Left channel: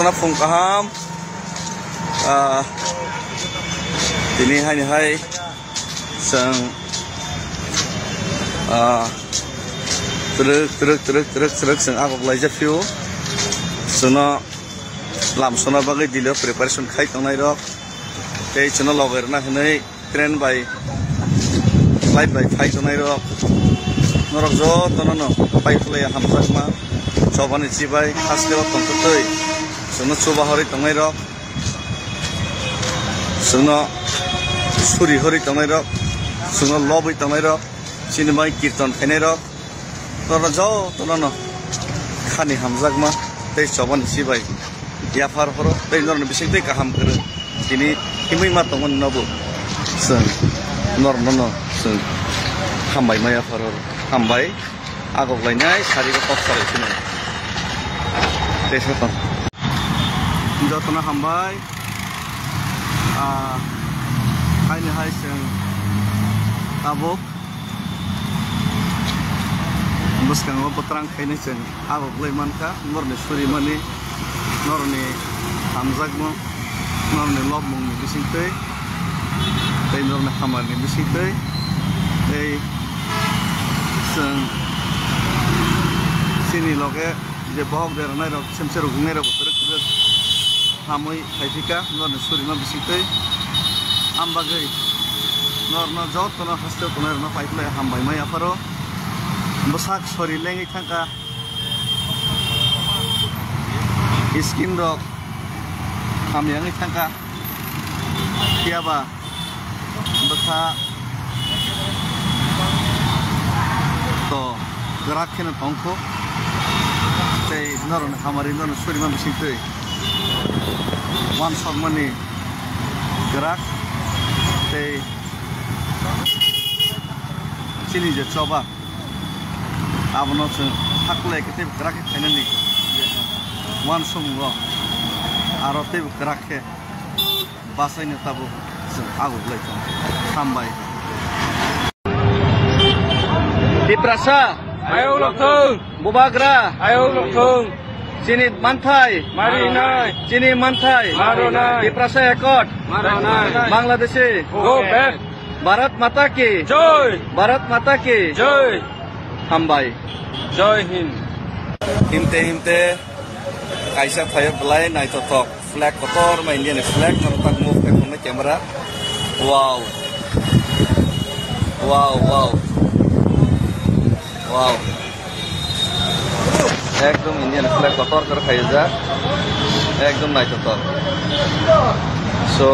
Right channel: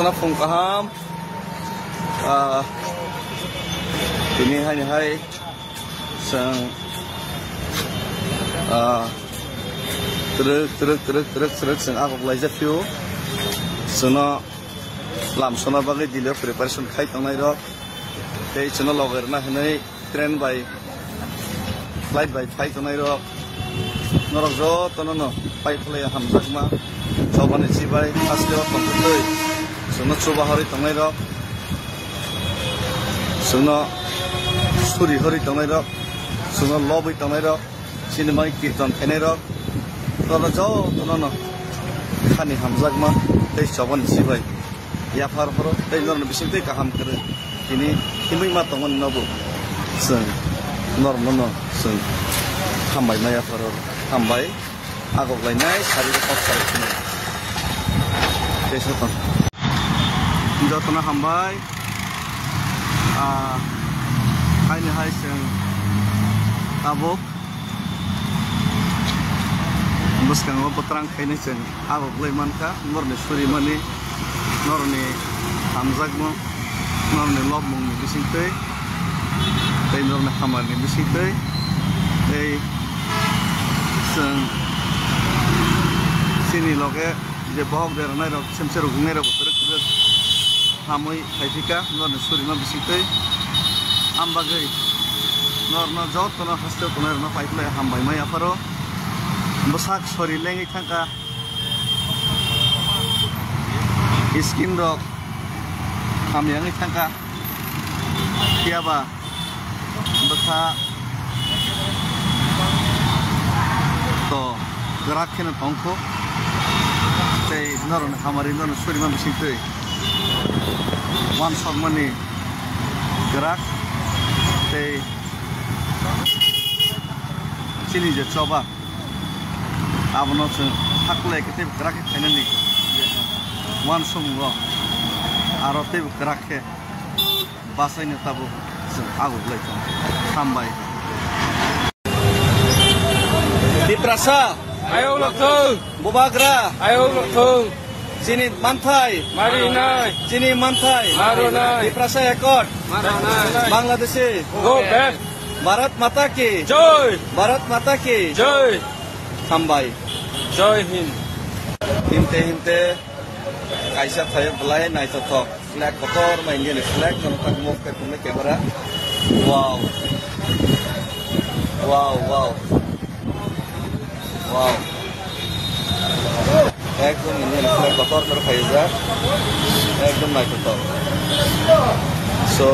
jotna phung kaham ini hai sang truk sang agok lai jafiu sono lam sona bagai dilo preparation khai tongnai rok tei sono loger na hnei train by flight by khai tongnai rok norok jotna no pai khlai hamjak ma chobani chibai haslewa tongtoi sono chuba hori tongnai rok sono suri hori tongnai rok sono loboi tongnai rok sini mai kirtan khainai rok tora jotna no khani hamjak ma tei chobani chibai ya farfaro tei norno bising tei kaham kere ini himai ma tongon nabu sen norno sen hambai ma ya farfaro hambai agok lainai sari ko kopsara sini tei soton jotna hambai haini hai sen tabok buskang obotrang khainai sen agok laimanka norne suri mani norni hamjagmo norni lobmung ni bisingtei tei norni hamar ni bisingtei tei seng sini loge je bohok deranai rok semser gungnai rok truk hamoi khaifika norni surima bisingtei ambagai norno jotno haste tonar no paiklai hambai mai afaro bosak sori lengi thangka skin rok hamyangi thangka kiaba basa to gerak kena tongko tei noron hamari noron surima bisingtei one shot money gerak tei sini je coba abono seng haklai kete gerak khainani one song go aro tei gerak ke basai ne tabu agok lai sambai Pitrasa ayo lokong Bubagra ayo lokong sini mantai marinai sini mantai maronai Pitrasa ekot maronai Bangladeshi go back Bharat Mata ki joy Bharat Mata ki joy sambai joy hind himte kaisa thaya belai nai jotok flag kotor main dia flag nampak move ke kamera wow ekdom ini flag kotor ter kaisa ekdom nai kotor so